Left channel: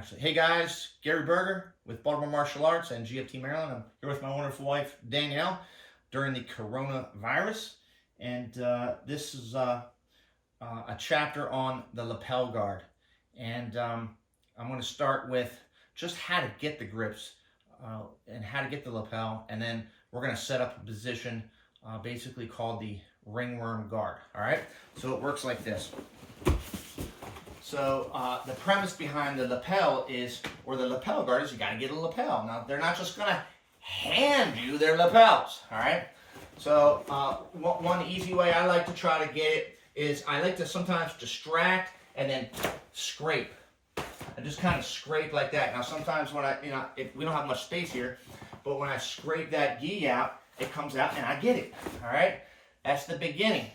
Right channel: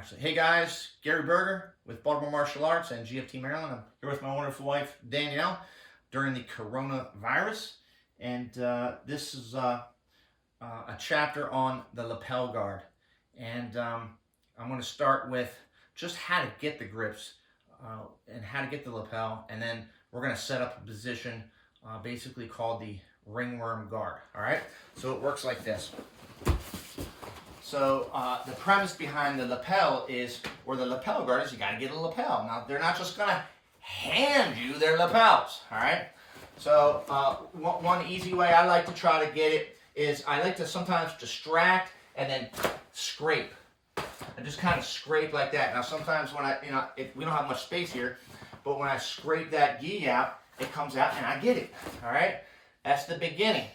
Actually, hey guys, Gary Berger with Baltimore Martial Arts and GFT Maryland. I'm here with my wonderful wife, Danielle, during the coronavirus. And this is a chapter on the lapel guard. And I'm going to start with just how to get the grips and how to get the lapel. And then we're going to set up a position basically called the Ringworm Guard. All right, so it works like this. So the premise behind the lapel is, or the lapel guard is, you got to get a lapel. Now, they're not just going to hand you their lapels, all right? So one easy way I like to try to get it is I like to sometimes distract and then scrape. I just kind of scrape like that. Now, sometimes when we don't have much space here, but when I scrape that gi out, it comes out and I get it, all right? That's the beginning.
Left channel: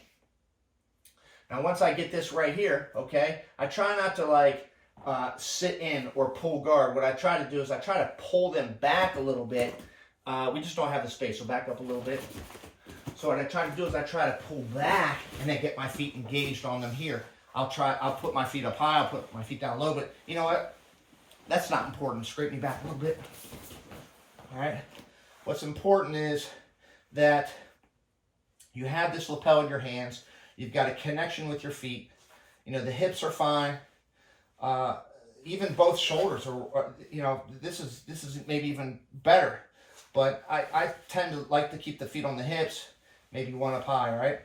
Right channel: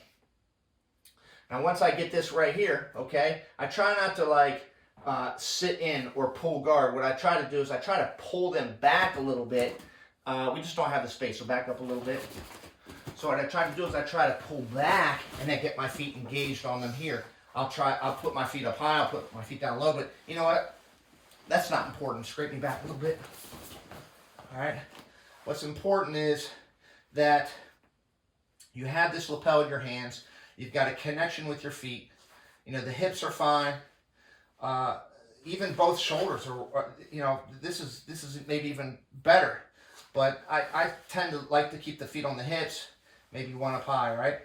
Now, once I get this right here, okay, I try not to like sit in or pull guard. What I try to do is I try to pull them back a little bit. We just don't have the space, so back up a little bit. So what I try to do is I try to pull back and then get my feet engaged on them here. I'll put my feet up high, I'll put my feet down low, but you know what? That's not important. Scrape me back a little bit. All right. What's important is that you have this lapel in your hands. You've got a connection with your feet. You know, the hips are fine. Even both shoulders are, you know, this is maybe even better. But I tend to like to keep the feet on the hips, maybe one up high, right?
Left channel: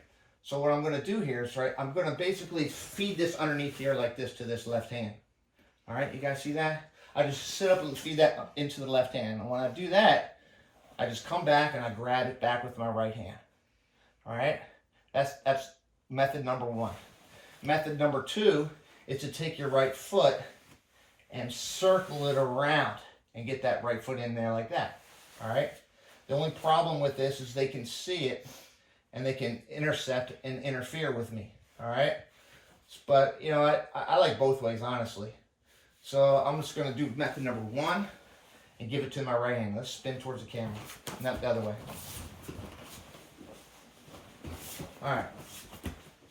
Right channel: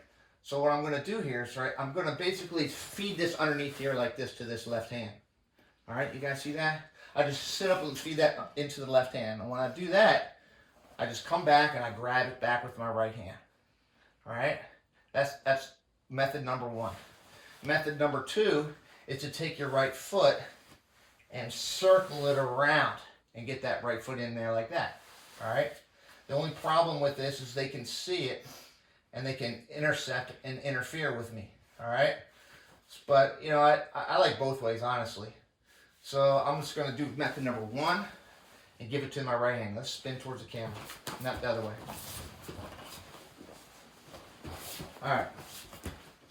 So what I'm going to do here is, right, I'm going to basically feed this underneath here like this to this left hand. All right, you guys see that? I just sit up and feed that into the left hand. And when I do that, I just come back and I grab it back with my right hand. All right? That's method number one. Method number two is to take your right foot and circle it around and get that right foot in there like that. All right? The only problem with this is they can see it and they can intercept and interfere with me. All right? But, you know, I like both ways, honestly. So I'm just going to do method number one and give it to my right hand. Let's spin towards the camera. Not the other way. All right.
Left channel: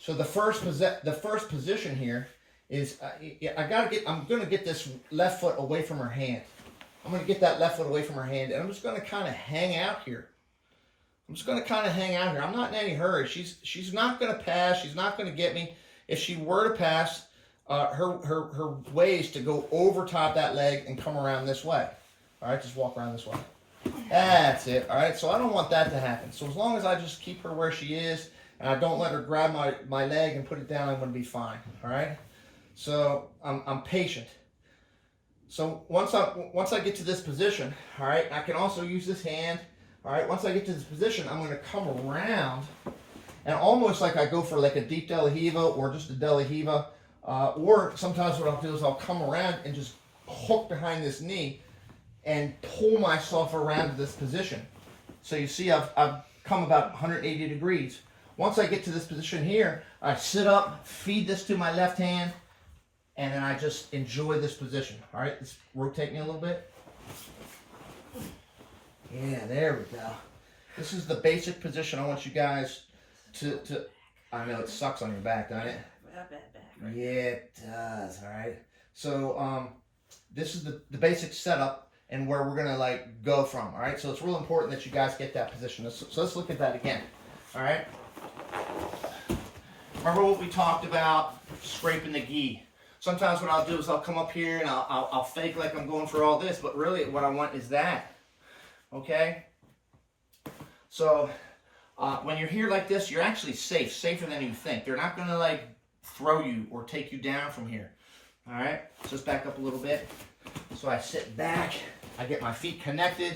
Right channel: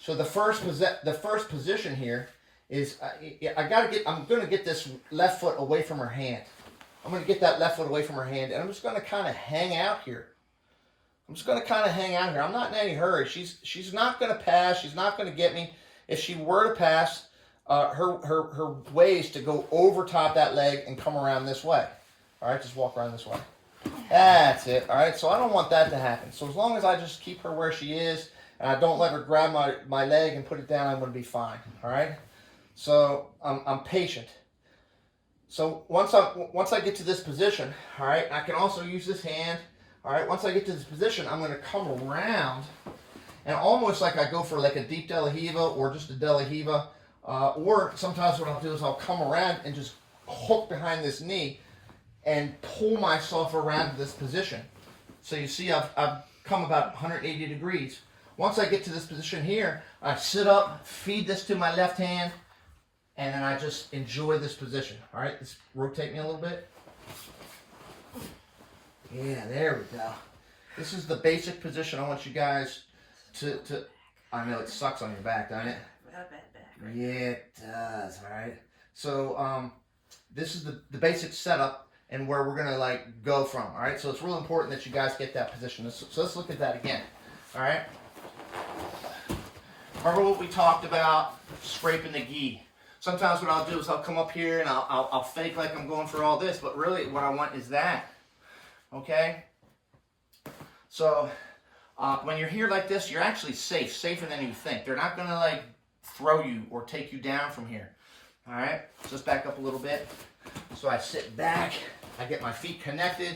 So the first position here is I'm going to get this left foot away from her hand. I'm going to get that left foot away from her hand, and I'm just going to kind of hang out here. I'm not in any hurry. She's not going to pass. She's not going to get me. If she were to pass, her way is to go over top that leg and come around this way. All right, just walk around this way. That's it. All right, so I don't want that to happen. So as long as I just keep her where she is, and I don't let her grab my leg and put it down, I'm going to be fine. All right? So I'm patient. So once I get to this position, all right, I can also use this hand. All right, once I get to this position, I'm going to come around and almost like I go for like a deep De La Riva or just a De La Riva. Or sometimes what I'll do is I'll come around and just hook behind this knee and pull myself around to this position. So you see I've come about 180 degrees. Once I get to this position here, I sit up, feed this to my left hand, and then I just enjoy this position. All right, let's rotate me a little bit. Yeah, there we go. This is the basic position I want you guys to I know it sucks on your back, doesn't it? Right? Yeah, it does, all right. So this is the basic setup and where we're going to like go from, all right? So it's real important that you guys get that position. So let's look at that again, all right? Remember what we talked about, scraping the gi. Sometimes what I'll do is I'll come up here and I'll fake like I'm going for all this, but really what I want is that, okay? So when you're here like this, you're actually safe, safer than you think. They're not going to like throw you or take you down from here, all right? Just back up a little bit. So I sit back, I get my feet connected.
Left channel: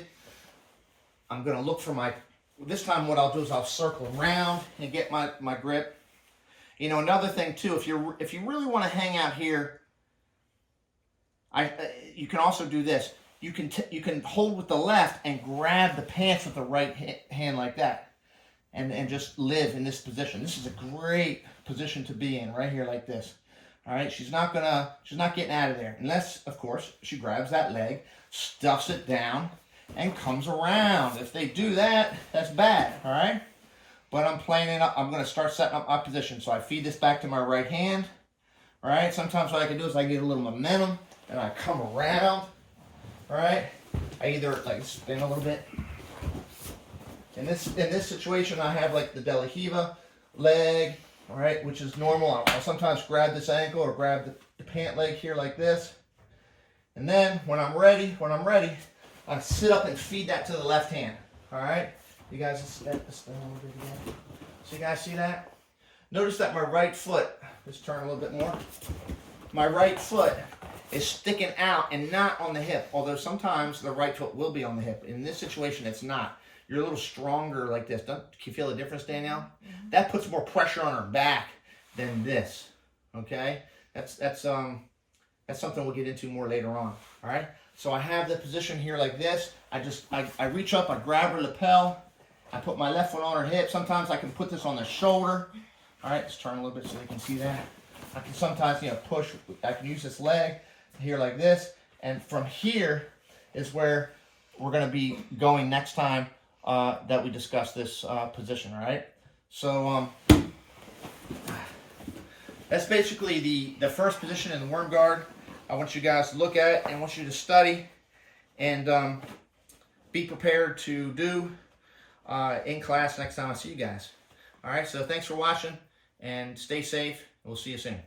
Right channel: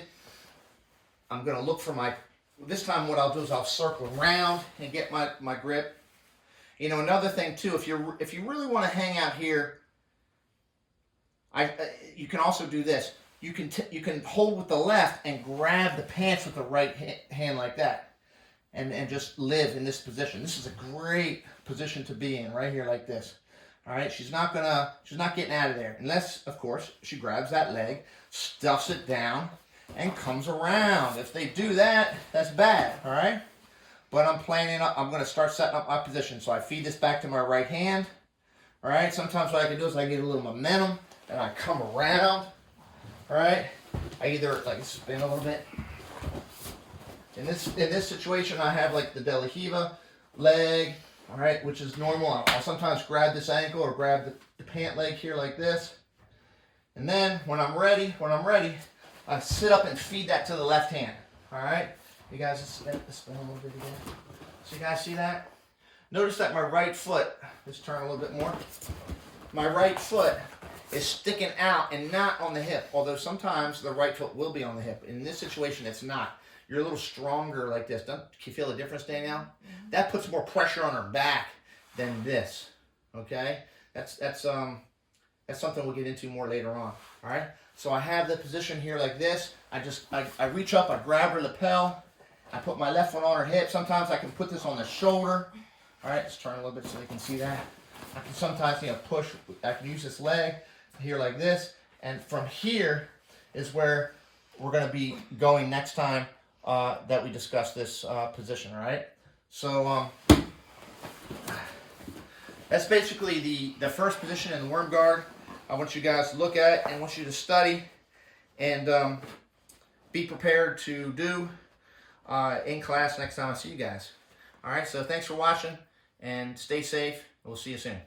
I'm going to look for this time what I'll do is I'll circle around and get my grip. You know, another thing too, if you really want to hang out here, you can also do this. You can hold with the left and grab the pants with the right hand like that, and just live in this position. This is a great position to be in, right here like this. All right, she's not getting out of there unless, of course, she grabs that leg, stuffs it down, and comes around. If they do that, that's bad. All right. But I'm playing it up. I'm going to start setting up my position. So I feed this back to my right hand. All right. Sometimes what I can do is I get a little momentum. and I come around, all right? I either like spin a little bit. In this situation, I have like the De La Riva leg, all right, which is normal. I'll sometimes grab this ankle or grab the pant leg here like this. And then when I'm ready, I sit up and feed that to the left hand, all right? You guys spin a little bit again. So you guys see that? Notice that my right foot, let's turn a little bit more. My right foot is sticking out and not on the hip, although sometimes the right foot will be on the hip. In this situation, it's not. You're a little stronger like this. Can you feel the difference, Danielle? Mm-hmm. That puts more pressure on her back than this, okay? That's something we'll get into more later on, all right? So I have the position here like this. I reach up, I grab her lapel, I put my left foot on her hip. Sometimes I can put this on the shoulder. All right, let's turn a little bit so you can see that. I can sometimes, push. I can use this leg here like this. And from here is where we're going to be going next time that we discuss this position, all right? So that's basically the first position in the worm guard. I want you guys to look at it and I want you to study and be prepared to do in class next time I see you guys. All right, so thanks for watching and stay safe. We'll see you soon.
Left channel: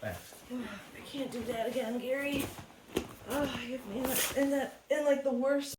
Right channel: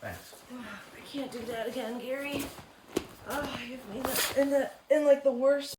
Thanks. I can't do that again, Gary. Oh, you've been in like the worst.